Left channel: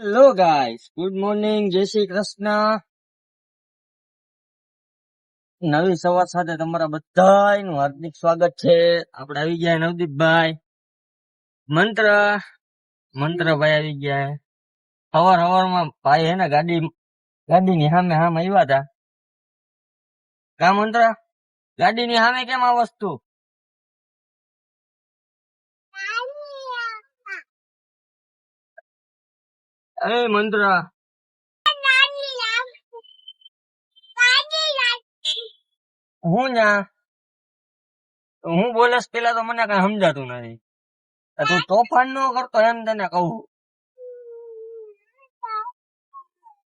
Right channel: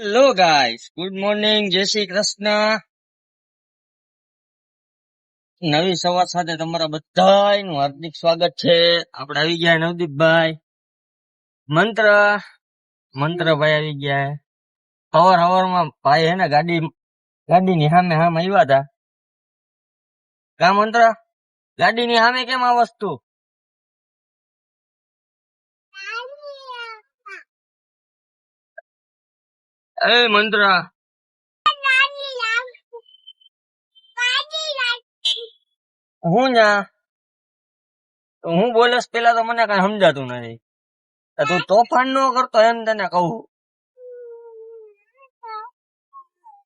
Hello guys, good morning, જય શ્રી કૃષ્ણ. નવી સવાર સાથે તમારા બધાનું હાર્દિક સ્વાગત છે. આપણે આવી ગયા નવદીપભાઈ. મંત્ર મંત્રભાઈ આવી ગયા. સવારમાં ભાઈ હે ને ગાડીની સામે આવ્યા હતા. કા મંત્ર, ગાડીની સામે કેમ આ વસ્તુ? એ મંત્ર, હું ન્યા હું બોલસ પેલા તો મને કઈ સમજાતું નથી. તું તોફાન નો કરતો એમ તને કહું.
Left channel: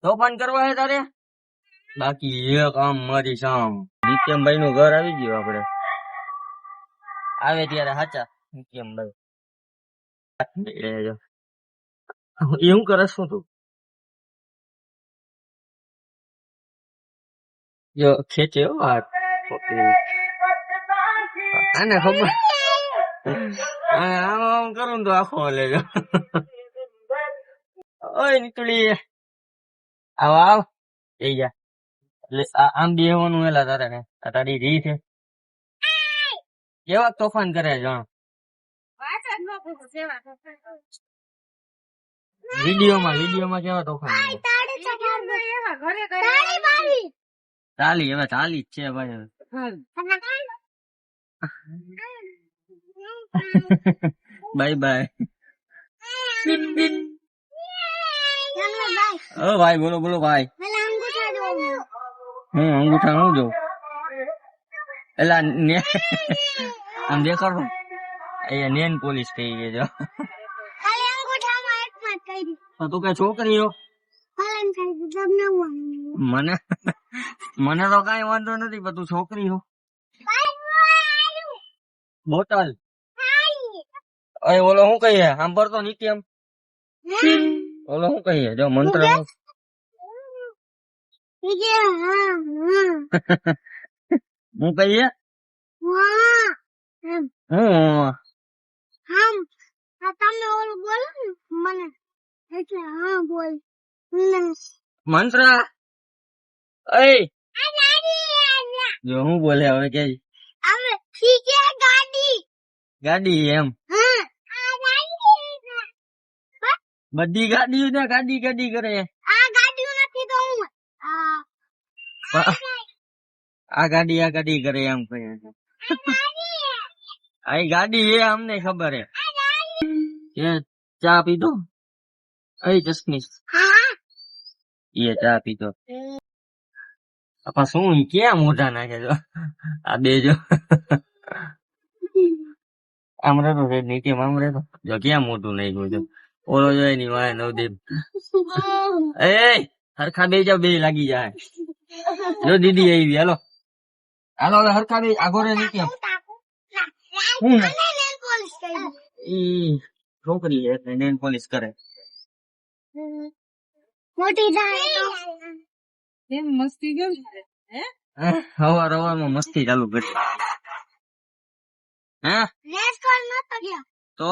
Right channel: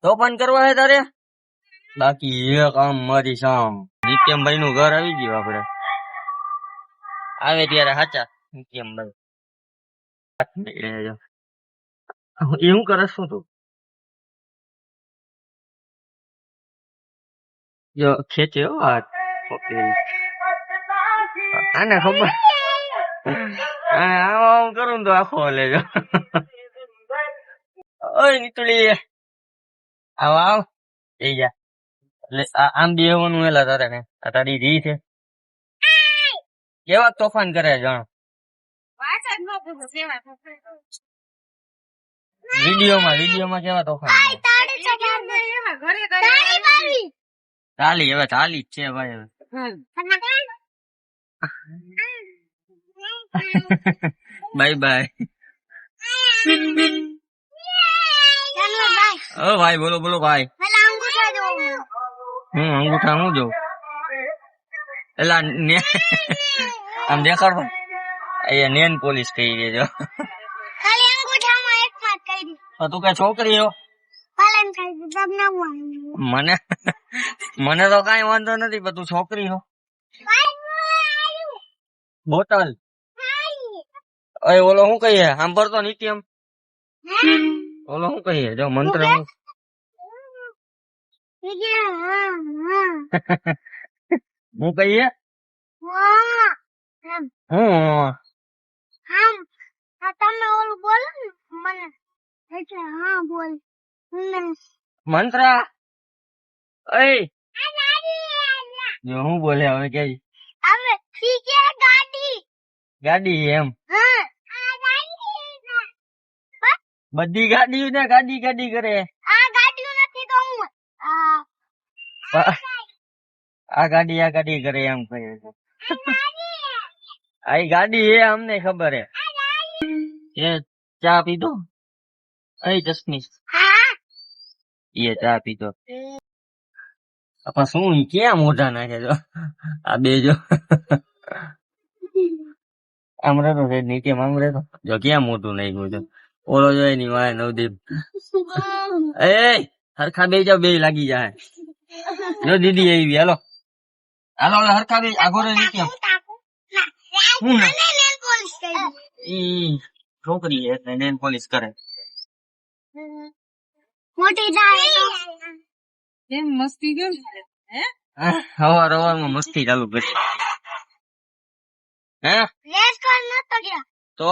તોફાન કરવા હે તારે? બાકી એક આમ મારી સામ નિત્યમભાઈ નું ઘર આવી ગયું. આપડે આવે ત્યારે હાચા નિત્યમભાઈ એવું કરે શું તું? જો ખેંચે હો હાથ. ઓકે, આને ખબર આમ આમ કરું તો આખો લેજો. ઓય નીકળી આવ આવ જઈ જા. એટલે આમ બેહવાનું એલા તારે ને આ તારી રી છે. કેવા તોફાન કરે જાણ. વિડીયોમાં કેવા તોફાન કરે. ચાલી હવે ચાલી જ છે ભાઈ. હવે બાય બાય. ઓ ભાઈ, બોલો બોલો ભાઈ. અંગૂઠા હું જોઉં એલા આમ દેખાડો. અહીંયા નેન પોલીસ કહી દેજો. તું કઈ છોકરી હો? મને તો કઈ વાંધો નથી, પણ તું છોકરી હો. બોટલ ઓલો શું કહીએ સાંભળતો નિત્યમ? ઓલો શું કહીએ જો મંત્ર હું કહીએ મંત્ર જો હું બોલે હવે કે ગાડી એમ બધી ગાડીઓ ને ગાડી ગાડી કરે. આ ગાડી કરે એમ કહે છે. આ ગાડી હે અમને ખબર હે. એ ચા પીધો? અય ચશ્મી એ ચા પીધો. પણ શું ક્યાં મોઢા નાખે છો આ બે? જો આમ રહેતો નીચે આમ રહેતો જો ક્યાં મોઢું નાખ્યું છે. ઓલો જોઈ ની વાય નવદીપ. એ હરખા બે જાવ, બે લાગી જાય. જો દીદી આવી. હાલો હાલો હરખા બે આગો રે નીચે. હું ઈ છોકરી છે એટલે નેન પોલીસ કરે. મોટી મસ્તી કેમ હવારમાં મસ્તી ચાલુ કરી. હે તો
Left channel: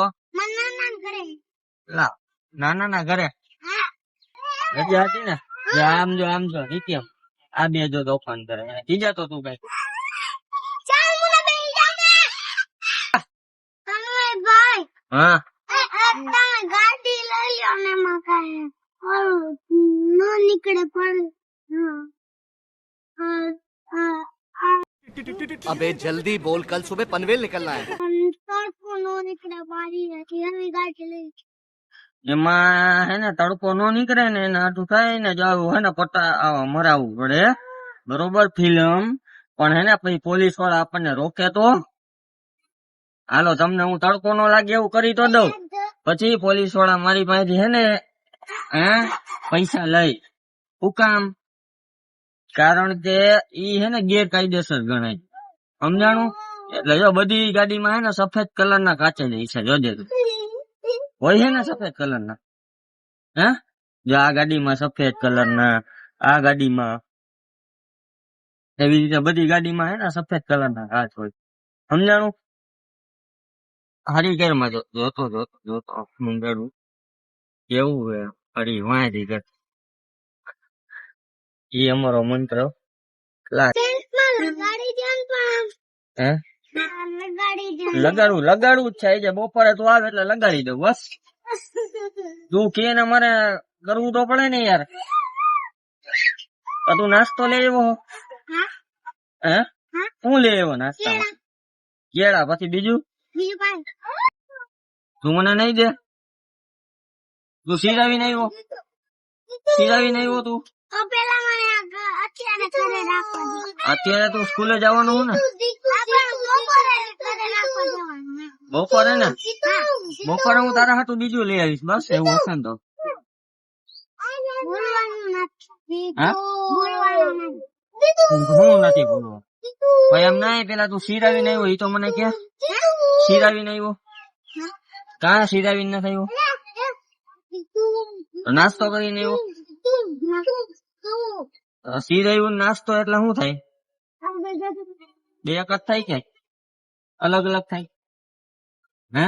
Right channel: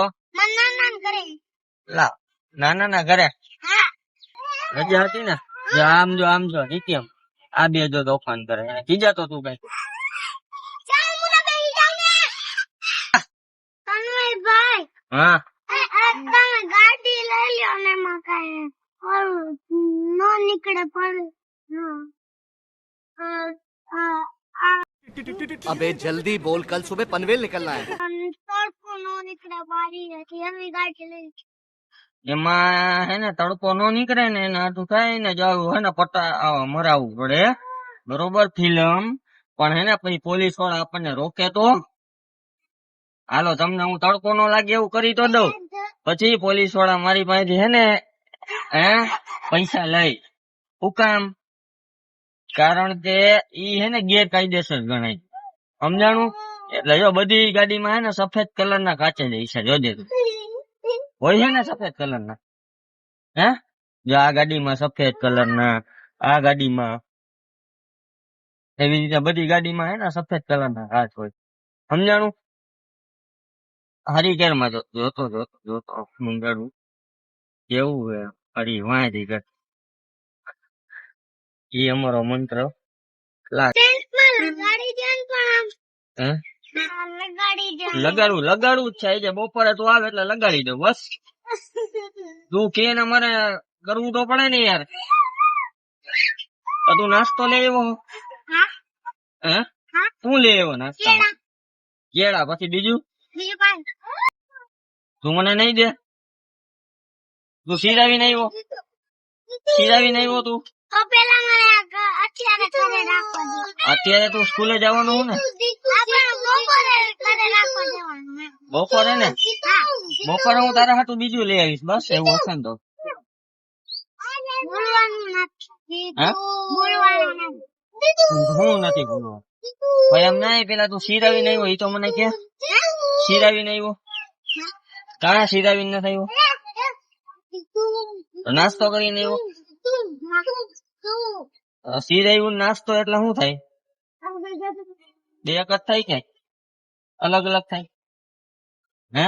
નાના ઘરે રજા હતી ને. આમ જો નિત્યમ આ બે જો તોફાન કરે. કીજા તો તું કઈ હા ગાડી લઈ લ્યો ને મકાઈ નો નીકળે પડે. अबे जल्दी बोल, कल सुबह पनवेल निकलना है. એમાં હે ને તડકો નો નીકળે ને નાટું થાય ને જાવ હે ને પટ્ટા મરાવવું પડે બરોબર ફિલ્મ. પણ હે ને પછી પોલીસ વાળા આપણને રોકે તો હાલો તમને હું તડકો નો લાગે એવું કરી તો દઉં. પછી પોલીસ વાળા મારી પાસેથી હે ને પૈસા લઈ. શું કામ? કારણ કે ઈ હે ને ગેરકાયદેસર ગણાય. સમજાણું? એટલે જો બધી ગાડીમાં હે ને સફેદ કલર ના કાચે જ છે. જોજે તું હોય છે ને સફેદ કલર ના. હે જો આ ગાડીમાં સફેદ કલર ના, આ ગાડીમાં એવી રીતે બધી ગાડીમાં હે ને સફેદ કલર ના કાચ હોય. સમજાણું? હારી કેરમાં જોતો મંગાડું કેવું હે. અરે વાહ દીકર એ અમારો મંત્ર ક્લાસ હે લગાડવું જ છે જે બપોરે તું આવે એટલે લગાડી દઉં બસ તું કે ને મારે કરવું તો પડે ને યાર તો તું નાસ્તો લઈ આવ્યો હે શું લઈ આવ્યો નાસ્તામાં કેળા પછી બીજું તું મને નહીં દે તું સિરાવીને આવ્યો તું અત્યારે તું સ્કૂલે જવાનું હું ને બપોરે ને બપોરે હું તારા હાટું બીજું લઈ આવીશ બસ એવું હશે ને તો હું નથી બોલવું ભાઈ એમ ના પેલા તું સિરાવીને આવ્યો એ તો મને કે સિરાવીને આવ્યો કાં સિરાવીને નથી આવ્યો નાસ્તો કરીને આવ્યો સિરાવ્યું નાસ્તો એટલે શું થાય બે એક જ થાય કે અલગ અલગ થાય હે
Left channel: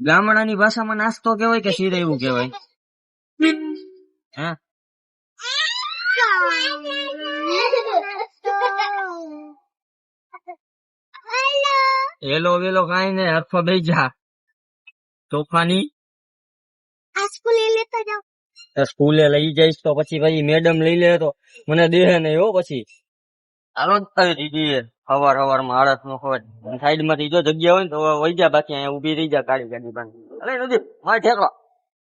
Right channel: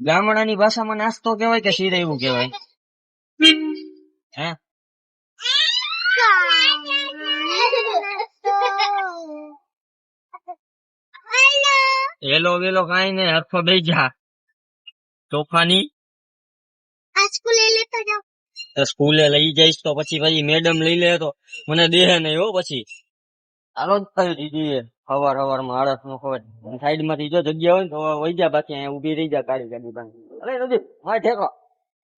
ગામડાની ભાષામાં નાસ્તો કેવાય કે સિરાવ્યું કેવાય હે હેલો વેલો કઈ નઈ હરફો બે જા તોફાની સ્કૂલે લઈ જઈશ તો પછી ભાઈ મેડમ લઈ લે તો મને દેહે નહીં હો પછી હાલો જ કરી દીધી હવાર માં આળસ નો ખબર સાઈડ માંથી જો જગ્યા હોય ને તો વહી જા બાકી અહીંયા ઉભી રહી જા કાળી ગાડી બાંધી અલે નદી મારે ઠેકવા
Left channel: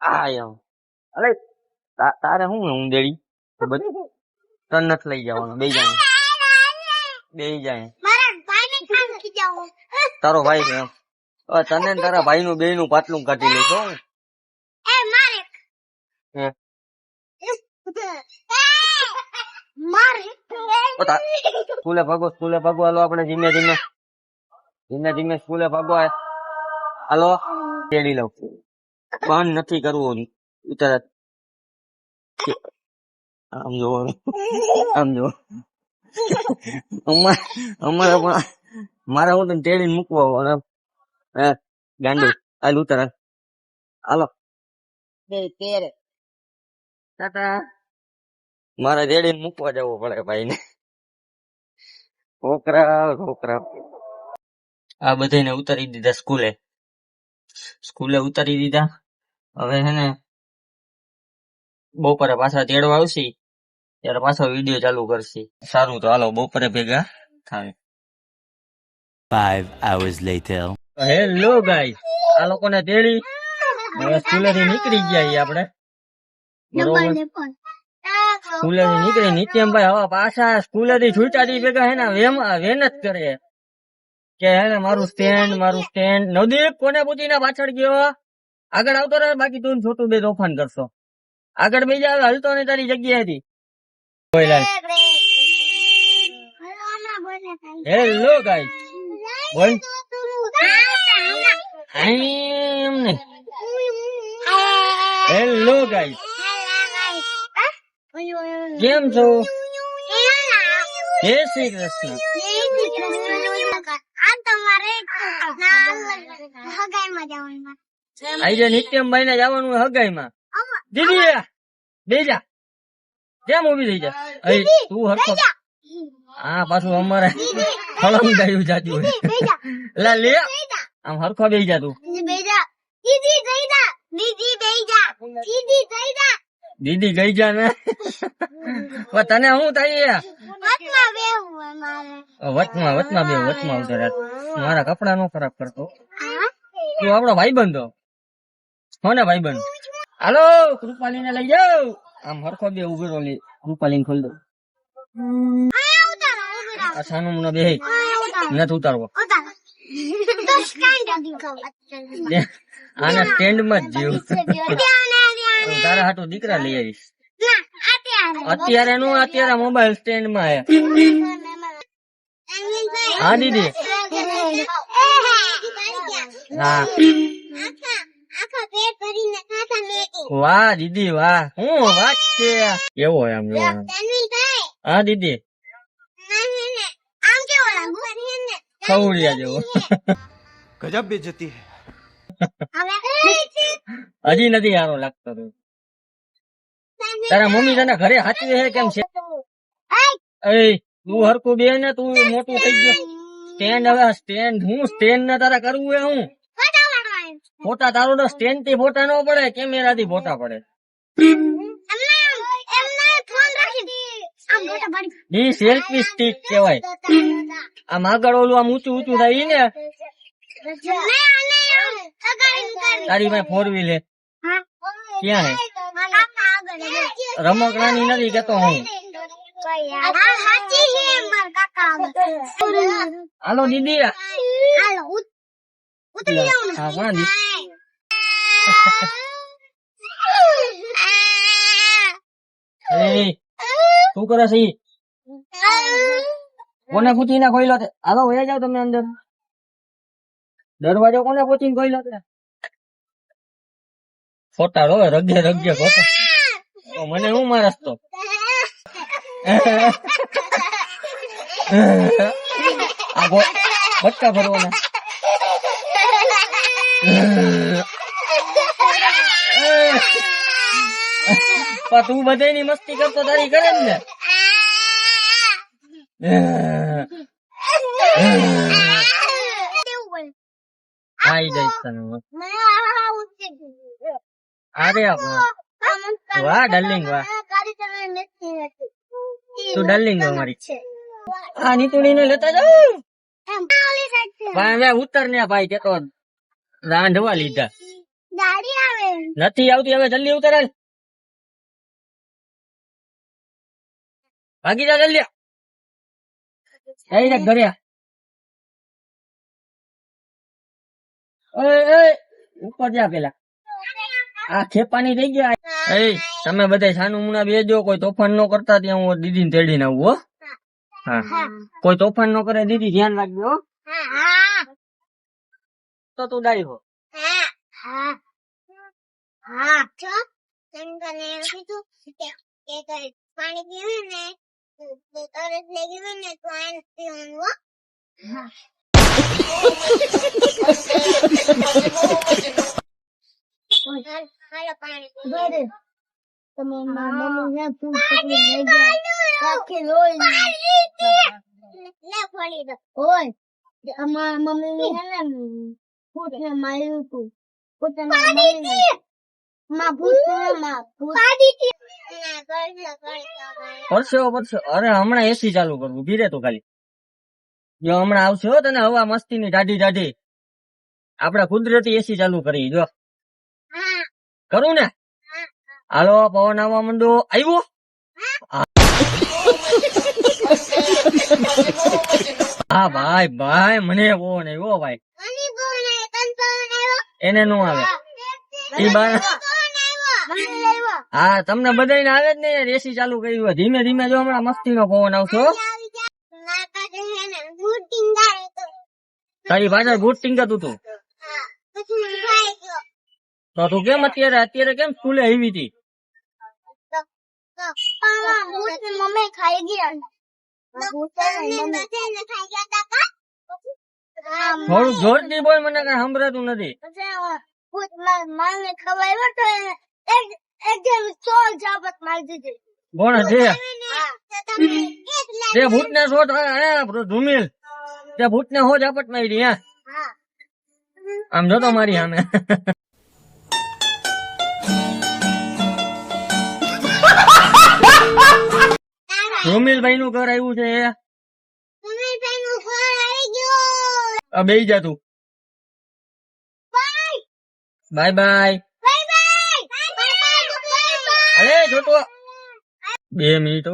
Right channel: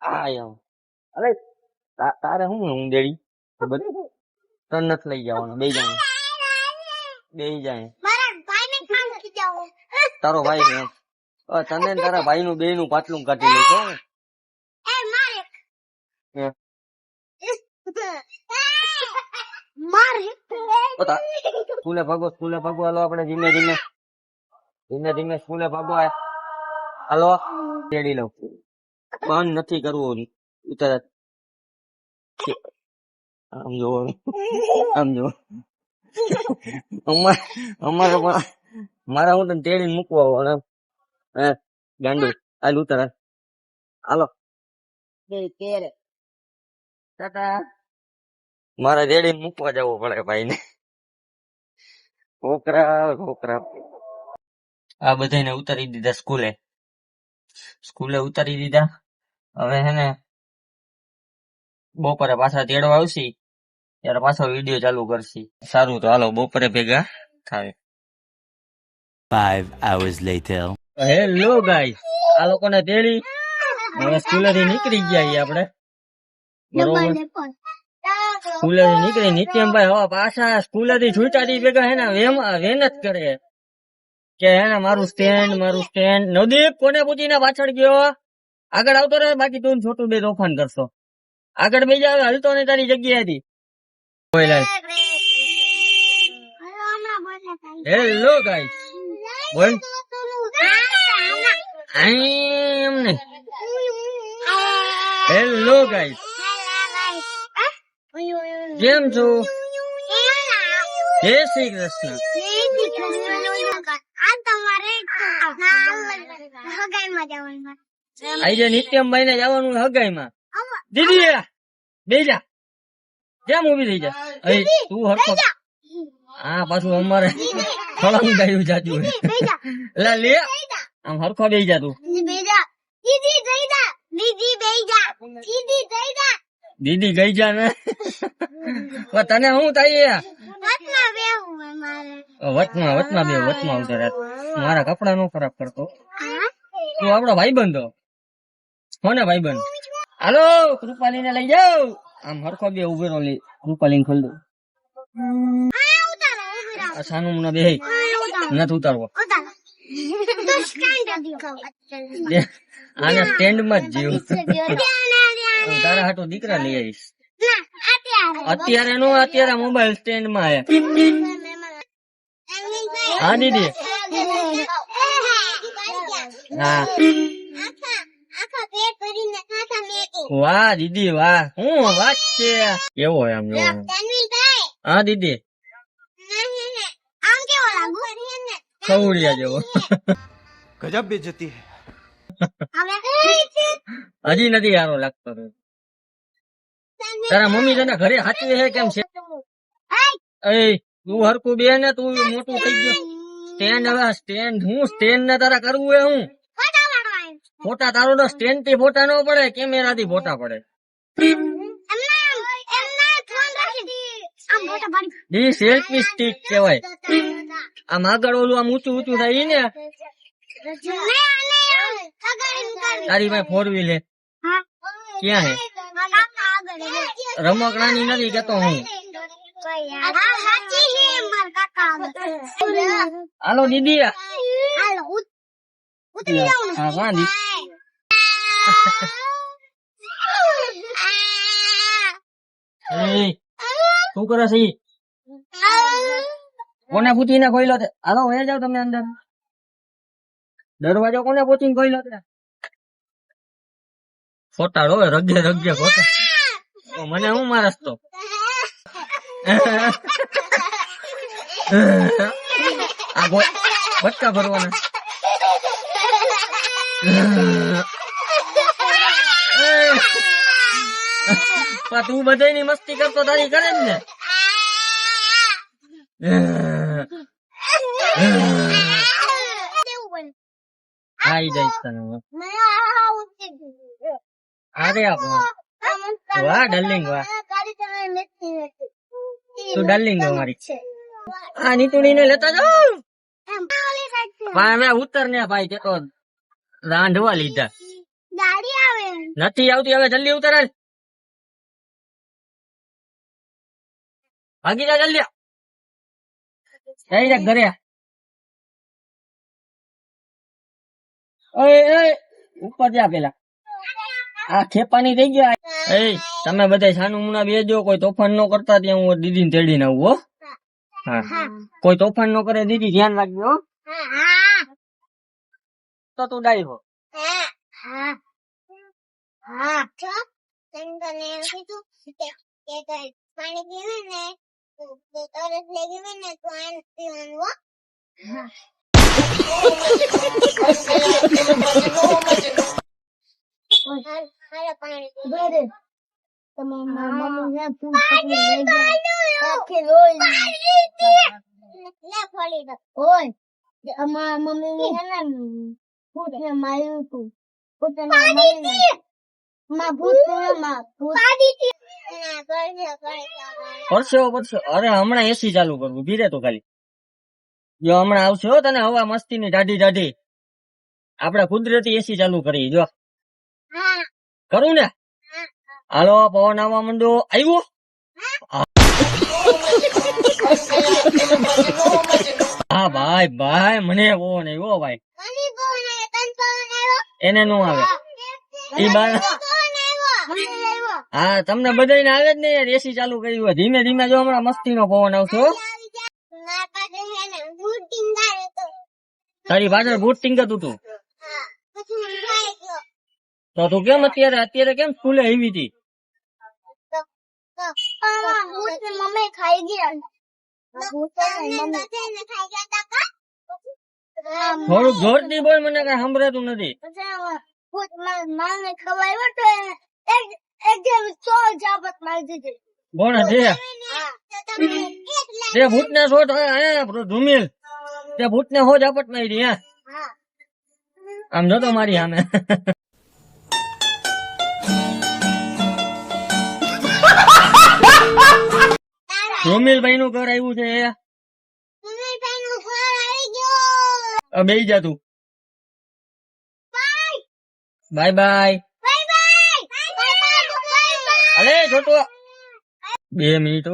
આ એમ અલે તારે શું હું દેડી તન નથી લઈ જવાનો બે જાય તારો ભાઈ છે તને ને તારા ભાઈ નું બે નું પાટલું કાઢી લેતો સ્કૂલે ભાગો હાલો આપણે ધીમે ધીમે સ્કૂલે ભાગો હાલો તેડી લઉં બંધ નથી કરવું તરત આમ જો અમારે પણ મારા હું તને તેડીને મૂકવા ગાંડુ હાલ ઉતર હાલો મારે તેડીને મૂકવા જવું પડે ભાઈ ને છોકરા આ બધાને ઉતારી દીધા સ્કૂલે ઉતારી દીધા હવે હે ને બપોરે પાછા તેડવા આવશે ત્યારે પાછો વિડીયો ચાલુ કરશે સારું તો હાલો બપોરે ભેગા થાય 5 hours later. હેલો ગાઈસ આ લોકોને તેડી હવે સ્કૂલે થી નીકળી ગયા આપણે બરોબર સ્કૂલે થી નીકળી નિત્યમભાઈ હવે પાછા સ્કૂલે થી છૂટાથી ભેગા હે ને વેન જ કરે કે હે ને મારું સ્ટેન્ડ નવદીપ કોને પૂછીને પાછળ ગયો આગળ આવતો રહે બાકી તું છોટું બે તોફાન કરશો આગળ બે જાવ હલતો ને તારી જગ્યા હતી હેલો ગાઈસ બોલ એમને હેલો ગાઈસ કેમ છો જય શ્રી કૃષ્ણ આજે નિત્યમભાઈ ને જવાનું હગાઈમાં દીદી બેજા કેમ ઉભી થઈ જા તું હરખો હા પાછું અમારે ફળાવું ગાયું જાતું હોય લે આમ હરખો બેસી જા તું દીદી ગઈ જા ને તને શું થાય વચમાં ઉતરે મારા કપડા નો ખરાબ કરતો તું આપડો ભાઈબંધો હો ને ભાઈબંધ હાલો કૃપાલી ને લઈ જાવ આમ હરખો બે ઉભેરો લે કૃપાલી ખોલ દો આ સાનું મને બે નથી ઉતારવો આને સ્ટેન્ડ માં જ જીવ તારા હાટુ દીકરા લઈ આવીશ અત્યારે નો અત્યારે મોબાઈલ સ્ટેન્ડ માં હે હા દીદી હા વાહ દીદી વાહ હું વાત છે કેવો એમ હા દીદી ખવડિયા જેવો गजब बेइज्जती है હજી નથી સારો લાગતો તું. તારા મમ્મી તને ઘરે હાચવે છે કેમ છે? એ તું હરખું બે ને, તું મોટું થઈ ગયો. સ્ટેન્ડ હવે સ્ટેન્ડ હું સ્ટેન્ડ ને તારા કરવું હે હું? ફોટા તારો તો સ્ટેન્ડ થી ફોટા ન પડે, કેમેરા થી ફોટા પડે. ઈ સેલ્ફી સ્ટિક કહેવાય. આમ આગળ ઓલું આમ ઊંચું ઊંચું થાય ઈ ને. તારી ભાઈ 4 વ્હીલ હે ક્યાં હે? રમકડાની નથી કેતો હું. હાલો દીદી. હા હા દી. એ શું કરે છે ઈ? કોને પૂછીને ખોઈલો તે? હાલો વયા જાવ તમે અંદર. દરવાજો કોને પૂછીને ખોઈલો તે? ફોટા રોવે રગે રગે ફોટા. મને હું મારસ તો. આ બચ્ચા ભરવાના. તું બધાની મસ્તી કરતો તારી કરે ને. આઈ જઈશ તને. અરે વાહ ડાર્લિંગ વાહ. તું ડાર્લિંગ મારી. આ નીતુડી ને લેતા જાઓ. હવે ઉતર ને ભાઈ, તે તો રાંધવા લીધા. નથી આવતી, હવે જલ્દી ઉતર. ભાગી જા જલ્દી. ડાયરેક્ટ ઘરે. ઓય ઉપર જા પેલા. આ ખેપાની થઈ ગયા. એ તમે બધા સાનું મુના બેજો, કોઈ તોફાન નો કરતા. ત્યાં હું દીદી ને તેડીને આવું હો. હા કોઈ તોફાન નો કરે દીદી, ધ્યાન રાખજો હો. તો તું ડાઈ હો. પાણી પીવું ને તો તરત લાગી હોય ને તો આને પીવાનું હો. હાલો પાણી પી. તમે મમ્મી ને ફૂલ પકડી લઈ ગયા કે લોઈ લે ફોડી દો. ઓય અમાર મમ્મી ને ફૂટ ને માર્યું તું. ફૂટ ને મારી માં ભૂત માં ભૂત પરસો. અરે હમણાં એસી ચાલુ કરવું, ભીરે તો ખાલી. જો હમણાં આવશે હો તને હવા મસ્તી ની ઢાઢી. આપડે કુદરતી એસી ચાલુ કરી. જો કરું ને. હાલો પવન આવવા માંડો. આવ્યો. હા ભાઈ ભાઈ મને પવન આવ્યો ભાઈ. એને નો આવે. હા તમને બધાને આવે જ ને યાર, એસી ચાલુ કરી હોય. ધીમે ધીમે જો હમણાં મસ્તી નો પવન આવશે. તારી પાછળ બૂટ ટીંગાતું તું તો તું કેમ અત્યારે કેમ સ્કૂલે આવી હતી? મમ્મી ખાઈ ગયા. થોડુંક જોરથી બોલ, મને કઈ સંભળાતું નથી. મને ખવાયો તો એકદમ 100 જાબત મારી દીધી. કોણ તે ભૂત ને શોધ ધૂમિલ, તે ભૂત ને હો ઝાપટ મારી. હે આમ જોતો મારી સામે. ધૂમિલભાઈ નું ઘર આવ્યું છે. બેહી જા તું. Bye bye. અરે છોટો 2 મિનિટ.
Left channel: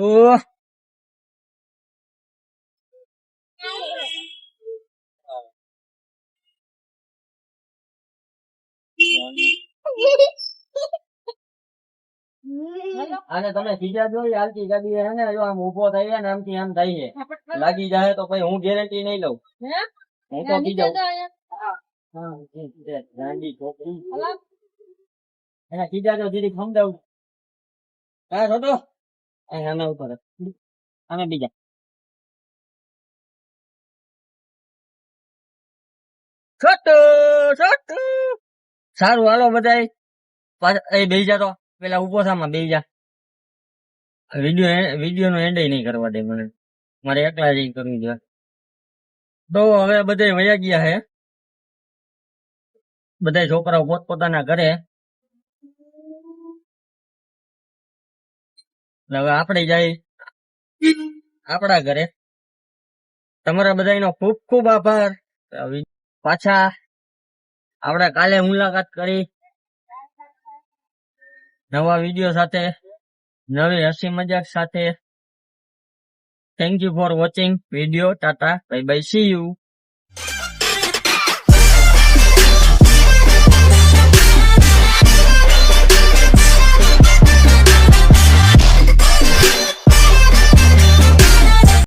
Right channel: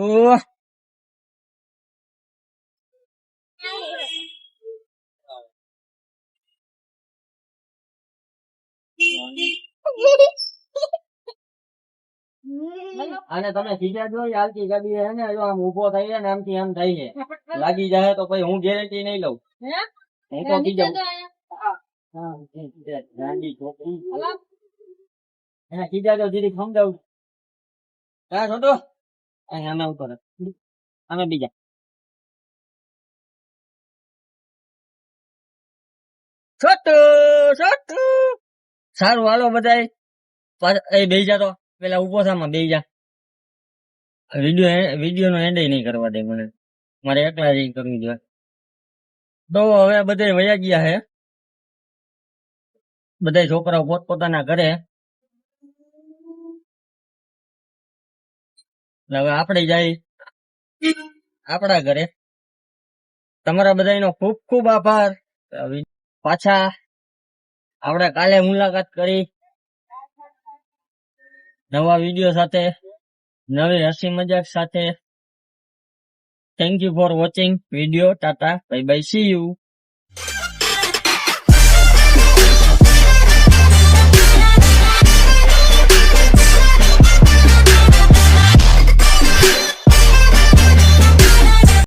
અને તમે સીધા જો હાલતી ગાડી હે ને, જો આમ ઉભો થાય ને આમથી આમ થાય છે. લાગી જાય તો પછી હું ગેરંટી નહીં લઉં. હું તો સીધા ગાંડી છોકરી એને સીધા જો દીદી સમજાવું. હા છોટો આના ઉપર અમે બીજા છોટું સારું હાલો બધાય એ બેહી જા તો પેલા ઉભો થામાં બેહી જા વિડીયો નો એન્ડ નહીં કરવા દે મને મારે એકલા જ ઈ કરવું જોઈએ તો હવે બધા વયા ગયા હે બધા છોકરાઓ પોતપોતાના ઘરે એટલે હવે આપણે જાય આપણા ઘરે તમારા બધાનો ખૂબ ખૂબ આભાર પાછા આપણે કાલે મુલાકાત કરી નવા વિડીયો સાથે નવી હસી મજાક સાથે thank you for watching video Tata bye bye see you